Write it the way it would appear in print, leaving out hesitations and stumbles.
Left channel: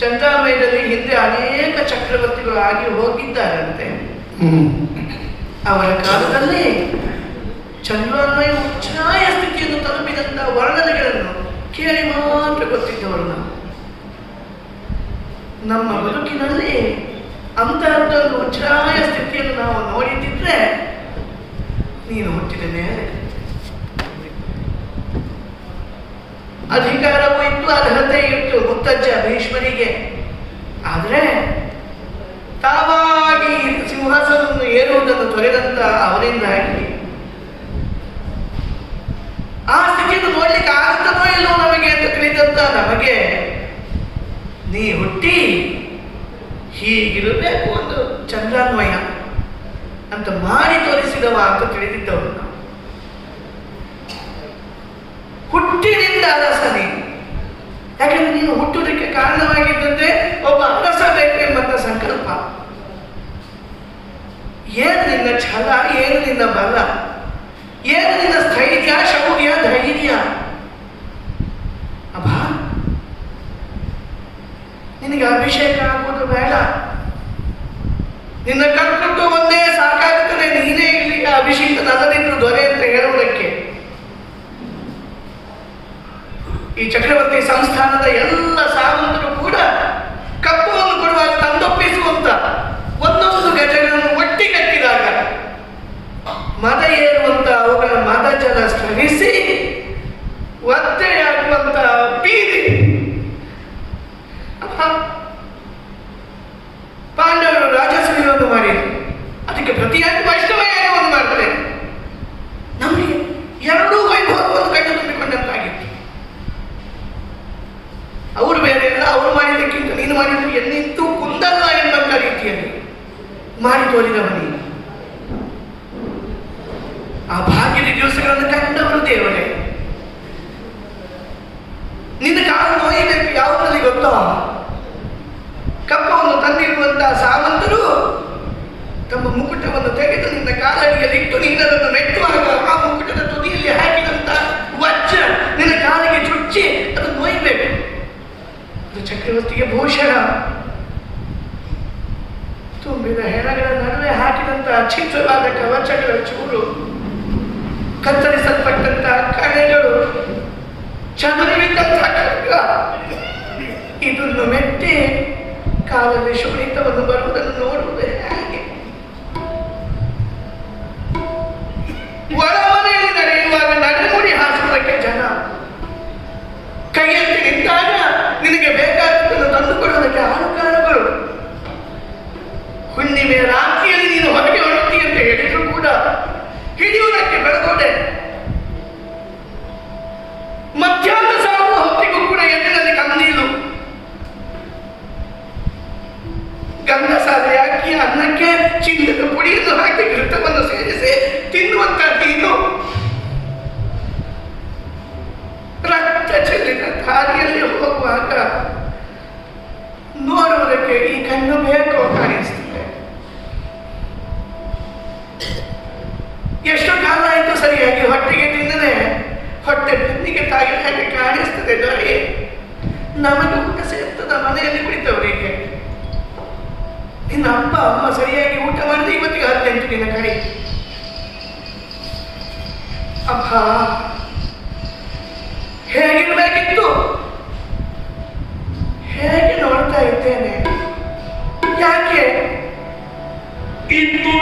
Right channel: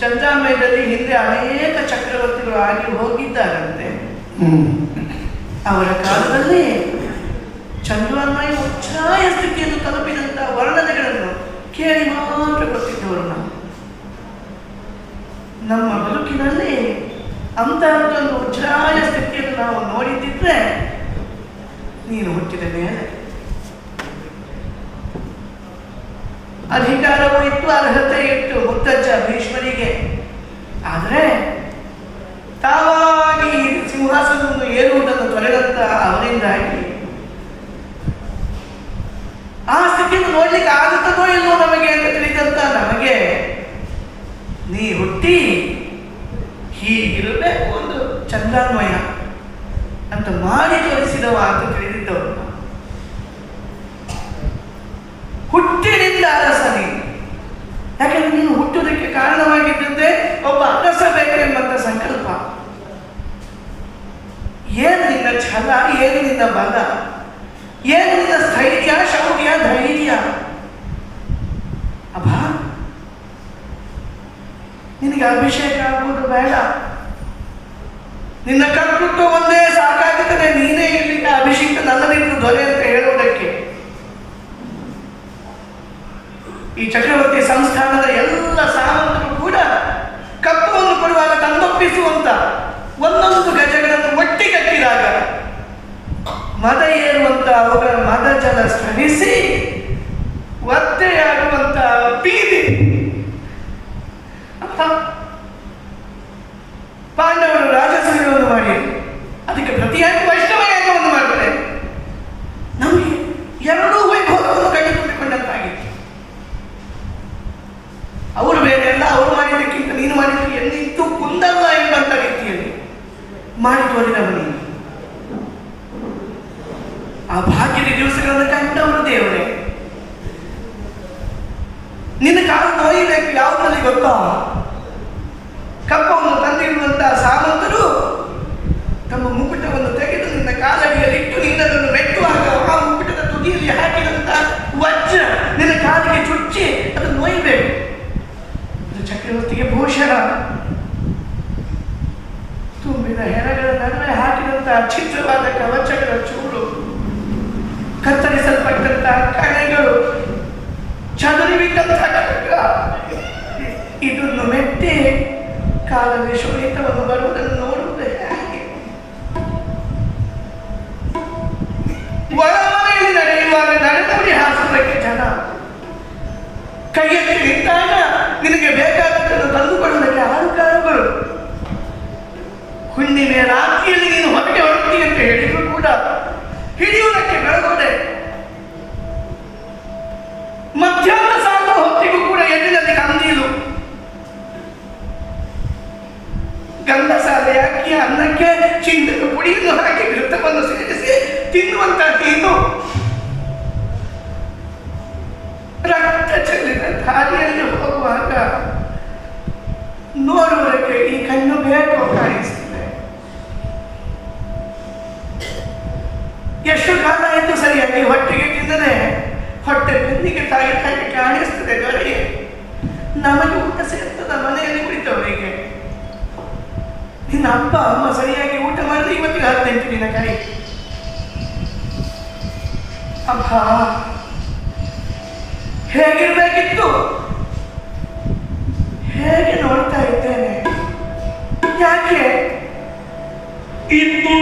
ಚಂದ್ರಾಮಯದಲ್ಲಿ ಹಿಂದೆ ಅನೇಕ ಚಕ್ರವರ್ತಿಗಳು ಆಗಿ ಹೋಗಿದ್ದಾರಂತೆ. ಅವರ ಕಾಲದಲ್ಲಿ ಚಂದ್ರಾಮಯ ಉಚ್ಛ್ರಾಯ ಸ್ಥಿತಿಯನ್ನು ತಲುಪಿದಂತಹ ವರ್ಣನೆಗಳನ್ನು ಕೇಳಿ ಮಾತ್ರ ಗೊತ್ತಿದ್ದವರು ನಾವು. ನಮ್ಮ ಬದುಕಿನಲ್ಲಿ ಅಂತಹದ್ದೊಂದು ಉಚ್ಛ್ರಾಯ ಸ್ಥಿತಿಯನ್ನು ನಾವು ನೋಡಿದ್ದಿದ್ರೆ ನೀನು ಹುಟ್ಟಿದ ಮೇಲೆ ಅಧಿಕಾರವೂ ಇತ್ತು, ಅರ್ಹತೆ ಇತ್ತು ಮುತ್ತಜ್ಜ ಭೀಷ್ಮರಿಗೆ. ಆದರೆ ತಾವಾಗಿ ಸಿಂಹಾಸನವನ್ನು ಏರುವುದನ್ನು ತೊರೆದಂತ ಅವರಿಂದಾಗಿ ಆ ಸ್ಥಿತಿಯನ್ನು ನೋಡ್ಲಿಕ್ಕೆ ಆಗುತ್ತದೋ ಇಲ್ಲೋ ನಮಗೆ ಅಂತ ತಿಳಿದಂತ ನಮಗೆ ನೀ ಹುಟ್ಟಿ ಹೀಗಿರಬೇಕು ಒಂದು ಚಂದ್ರಾನ್ವಯ ಅಂತ ಮಾಡಿ ತೋರಿಸಿದವ ಅಂತ ತಿಳಿದಿದ್ದವರು. ಹುಟ್ಟಿನಿಂದ ಅರಸನೇ, ಯಾಕಂದ್ರೆ ನೀನು ಹುಟ್ಟುವುದಕ್ಕೆ ಕಾರಣವಾಗಿದ್ದಂತೆ ಒಬ್ಬ ಅರಸ ಬೇಕು ಎಂಬಂತ ಸಂಕಲ್ಪ. ಏನು ನಿನ್ನ ಛಲ, ಏನು ನಿನ್ನ ಬಲ, ಏನು ನಿನ್ನ ಸ್ಥೈರ್ಯ, ಶೌರ್ಯ, ಧೈರ್ಯ. ಅಬ್ಬ, ನಿನಗೆ ಅಭಿಷೇಕ ಆಗುವುದು ಬೇಡ, ನಿನ್ನ ಕಣ್ಕುಟ್ಟು ಒಂದೇ ಸಾಕಾಗುತ್ತದೆ. ನೀನೇ ಇಲ್ಲಿ ಅಭಿಷೇಕದ ಅಲ್ಲದಿದ್ರು ದೊರೆ ಅಂತ ಹೇಳುವುದಕ್ಕೆ. ಈ ಚಕ್ರವರ್ತಿ ಸಂಸ್ಥಾನದ ಎಲ್ಲ ಸಾಮಂತರು ಕೂಡ ಕಪ್ಪವನ್ನು ಕೊಡುವಾಗ ತಂದೊಪ್ಪಿಸುವಂತ ಒಂದೊಂದು ಗಜಗಳನ್ನು ಒಟ್ಟಿ ಕಟ್ಟಿದಾಗ ಮದ ಏರುವಂತ ಅವುಗಳ ಮದ ಜಲ ಸ್ರವಿಸಿ ಒತ್ತೆಯಾಗುವಂತ ಬೀದಿ. ಪಾಂಡವರು ರಾಜಸೂಯವನ್ನು ಮಾಡಿದರು, ಅದಕ್ಕೆ ಪ್ರತಿಯಾಗಿ ವೈಷ್ಣವ ಯಾಗವನ್ನು ಮಾಡ್ತಾರೆ. ನಮಗೆ ಎರಡೂ ವೈಭವವನ್ನು ಕಂಡುಕೊಂಡಿಕೊಂಡಂತಾಗಿತ್ತು. ಅವರು ಬೇರೆ ಅಲ್ಲ, ಅವರು ಮಾಡಿದ್ದಕ್ಕಿಂತ ನೀನು ಮಾಡಿದ್ದು ಎನ್ನಿತ್ತು ಕುಂದಲ್ಲ ಎಂಬಂತ ರೀತಿಯಲ್ಲಿ ಮಾಡಿ ತೋರಿದವನಿ. ಆ ಭಾಗ್ಯದ ದಿವಸಗಳನ್ನು ಕಂಡವರು ದೇವರೇ. ನಿನ್ನ ಕಾಲು ನೋಯಬೇಕು ಯಾವುದಲ್ಲಿ ಗೊತ್ತೋ, ಕಪ್ಪವನ್ನು ತಂದಿರುವಂತಹ ಸಾಮಂತರು ತಮ್ಮ ಮುಕುಟವನ್ನು ತೆಗೆದು ನಿನ್ನ ಕಾಲಡಿಯಲ್ಲಿಟ್ಟು ನಿನ್ನದನ್ನು ನೆಟ್ಟುವಾಗ ಆ ಮುಕುಟದ ತುದಿಯಲ್ಲಿ ಹಾಕಿದಂತ ವಜ್ರ ನಿನ್ನ ಕಾಲಿಗೆ ಚುಚ್ಚಿ ಅದನ್ನು ನೋಯ್ಬೇಕು. ಅದು ಚಕ್ರವರ್ತಿಗೆ ಭೂಷಣ. ತುಂಬಿದ ಹೆಣಗಳ ನಡುವೆ ಹಾಕಿದಂತಹ ಚಿತ್ರವಾದ ಕವಚಗಳ ಚೂರು, ಕತ್ತರಿಸಲ್ಪಟ್ಟಂತಹ ಕಣೆಗಳು, ಚದುರಿಬಿಟ್ಟಂತಹ ಖಡ್ಗ, ಇದನ್ನು ಮೆಟ್ಟಿ ಕಾಲದಲ್ಲಿ ಶೋಣಿತವನ್ನು ಬರುವುದನ್ನು ನೋಡುವುದೇ ಹಾಗೆ. ಒಳಮನೆಯಲ್ಲಿ ನಡೆಯುವಾಗ ನಡೆನುಡಿ ಹಾಸುವುದಕ್ಕೆ ಜನ ಕೈಯಲ್ಲಿ ನಿಂತಾಗ ನೋಡಿತು ನಿನ್ನ ಕೈ. ಅಬ್ಬ, ಹೇಗಿರ್ಬೇಕಿತ್ತು? ಹೇಗೆ ನೋಡ್ತಾ ಇದ್ದೇನೆ? ಯಾಕೆ ಇತ್ತು